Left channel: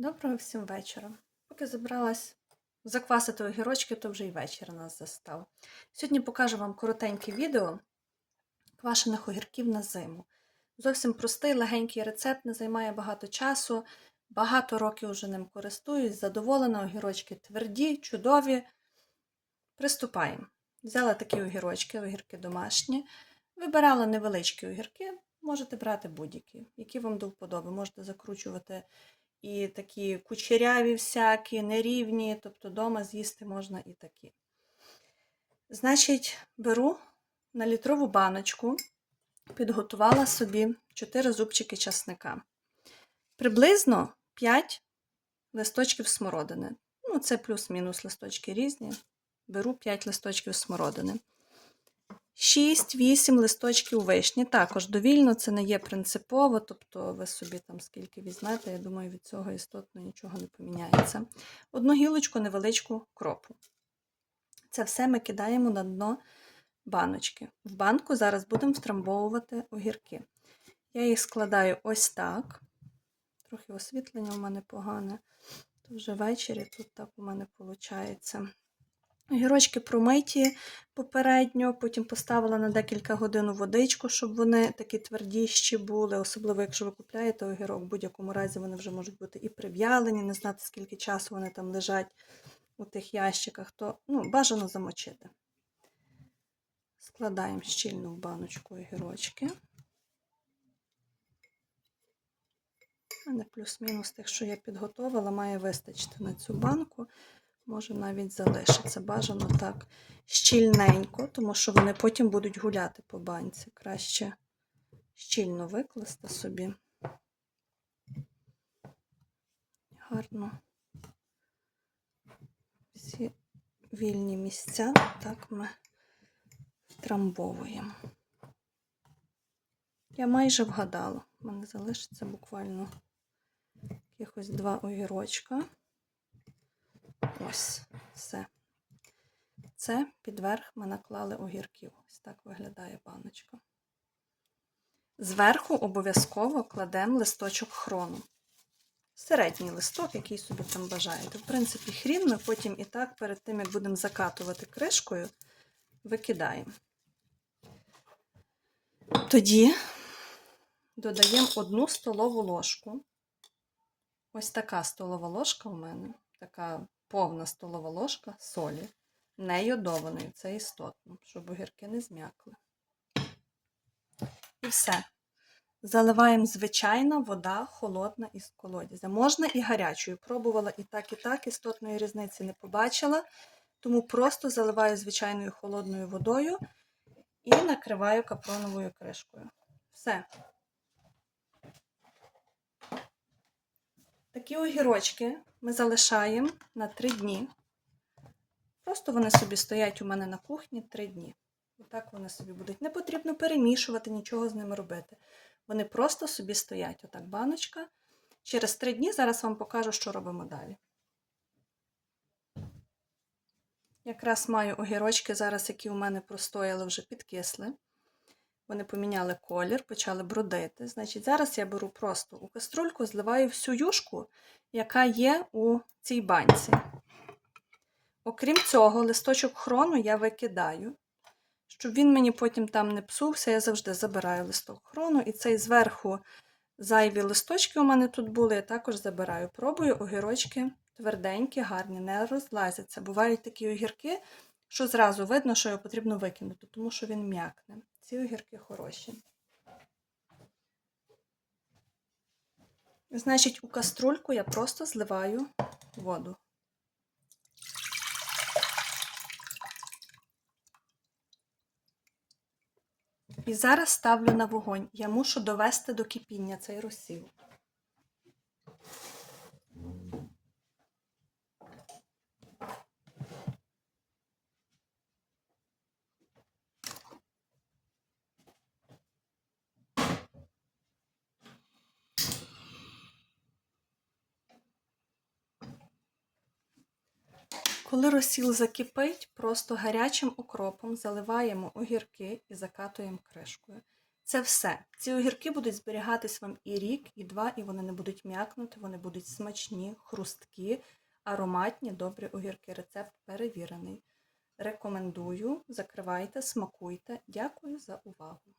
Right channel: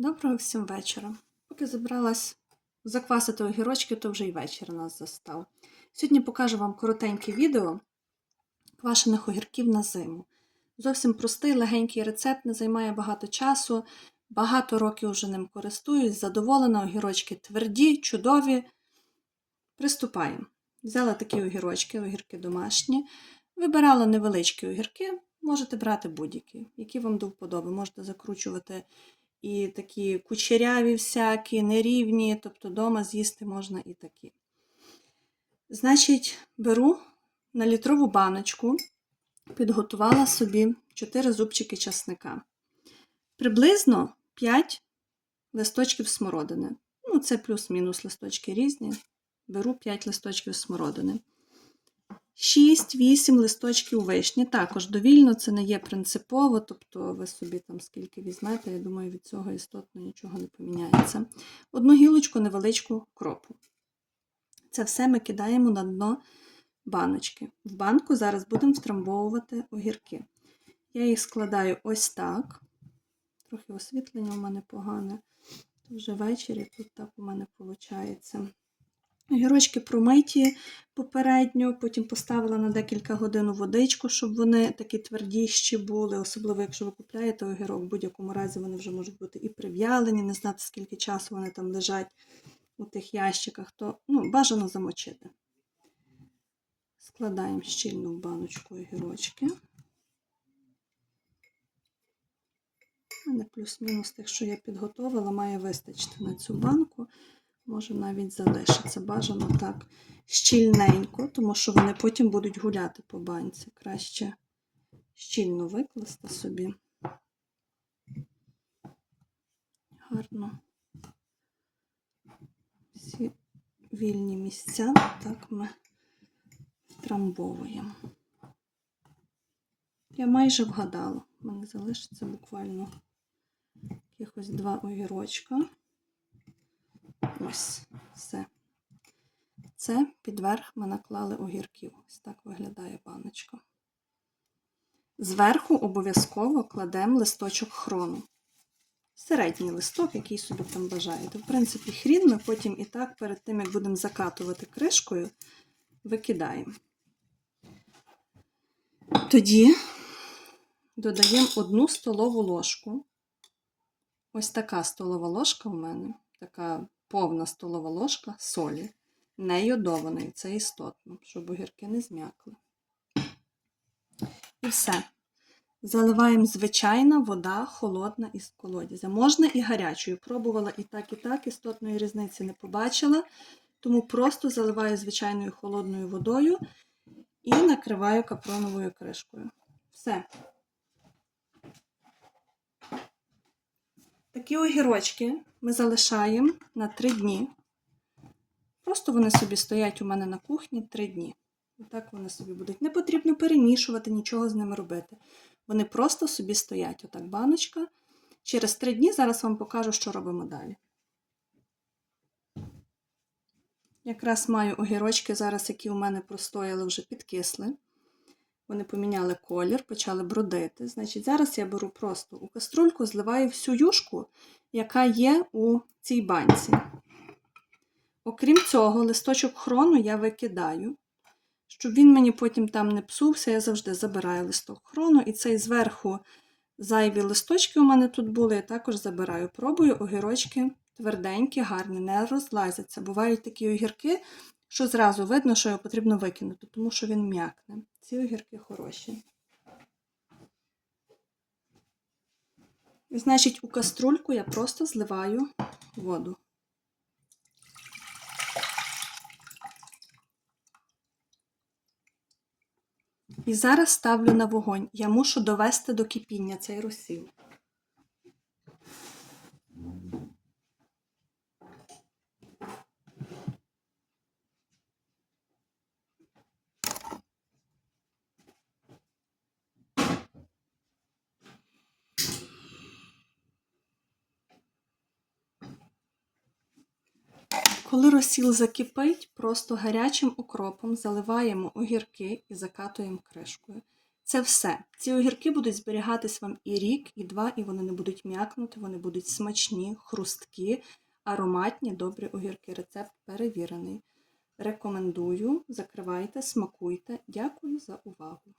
Доброго всім вечора. Поки забралась заквасити огірочки, то вже й вечір нас застав. Сьогодні покажу вам коротеньке відео квашених огірків на зиму. Зовсім простий, легенький рецепт, не займає багато часу. Багато років вже ним користуюсь, задоволена, огірочки тверді, чудові. Приступаємо. Взяла такі огірочки, огірки домашні. Вибирала невеличкі огірки, можете брати будь-які, які вам до вподоби. Можете закручувати і такі кучеряві всякі, нерівні, тобто вдома з'їсти можна і такі. Значить, беру на літрову баночку, підготувала собі 4 зубчики часника. Приблизно 5 листочків смородини. Ну, це плюс-мінус листочки різні. Беру 5 листочків смородини. 6-8 листочків вишні. Також довільно, це не є принципово, тобто ви собі там скільки візьмете, я думаю, від цього істотно нічого не поміняється. Одну гілочку невеличку кропу. Це все ми кидаємо на дно баночки. В банку зараз будемо втрамбовувати огірки. Я їх складаю ось так. Трохи освітлення у мене погане. Вже ввечері тут так у мене виходить. Огірочки промиті попередньо, потім поставила на декілька годин водичку, щоб вони такі твердіші були, особливо, якщо ви купляєте огірок, в будь-якому разі вони вже можуть бути і прив'ялені, не знати, скільки часу вони там лежать у тих ящиках, то ну, бажано замочити. Складаємо щільно в баночку огірочки. У мене плюс-мінус тих, що я підготувала, має вистачити на цю банку. Може навіть залишиться. Бажано так щільненько, тому що вони потім будуть гуляти по банці. Краще щільно викласти собі. Гарно. Всі вільні місця, так ми втрамбовуємо. Я майже вгадала. У мене залишиться буквально якихось два огірочка. Ось все. Це підверх ми наклали огірків. Ось так виглядає баночка. Зверху обов'язково кладемо листочок хрону. Середній листок, який собі там бажаєте. В принципі, хрін ми потім і так, перед тим, як будемо закатувати кришкою, викидаємо. Тоді додаємо одну столову ложку. Ось така столова ложка у мене, така повна столова ложка солі, не йодованої, це істотно, щоб огірки не зм'якли. І все. Заливаємо звичайна вода холодна із колодязя. Можна і гарячою. Пробувала і так, і так, істотної різниці не побачила. Тому просто заливаю звичайною холодною водою і накриваю капроновою кришкою. Все. Такі огірочки ми залишаємо на 3 дні. Просто вони собі стоять у мене на кухні 3 дні. Отак вони собі будуть. Не потрібно перемішувати, нічого з ними робити. Вони просто собі стоять. Отак баночка. Через 3 дні зараз вам покажу, що робимо далі. Якраз маю огірочки зараз, які у мене простояли, вже підкисли. Вони поміняли колір, почали брудити. Значить, зараз я беру просто у каструльку, зливаю всю юшку, яка є у цій банці. Окрім цього, листочок хрону я викидаю. Щоб він мені потім там не псувся, я завжди забираю листок хрону. І цей зверху зайві листочки у мене тут були, я також забираю. Пробую огірочки тверденькі, гарні, не розлазяться. Бувають такі огірки, що зразу видно, що його потрібно викинути, тому що він м'якне. Ці огірки хороші. Значить, у каструльку я просто зливаю воду. І зараз ставлю на вогонь. Я мушу довести до кипіння цей розсіл. Коли розсіл закипить, просто гарячим укропом заливаємо огірки і закатуємо кришкою. Це все. Ці огірки будуть зберігатись вам і рік, і два, і вони не будуть м'якнути, вони будуть смачні, хрусткі, ароматні, добрі огірки. Рецепт перевірений. Рекомендую, закривайте, смакуйте. Дякую за увагу.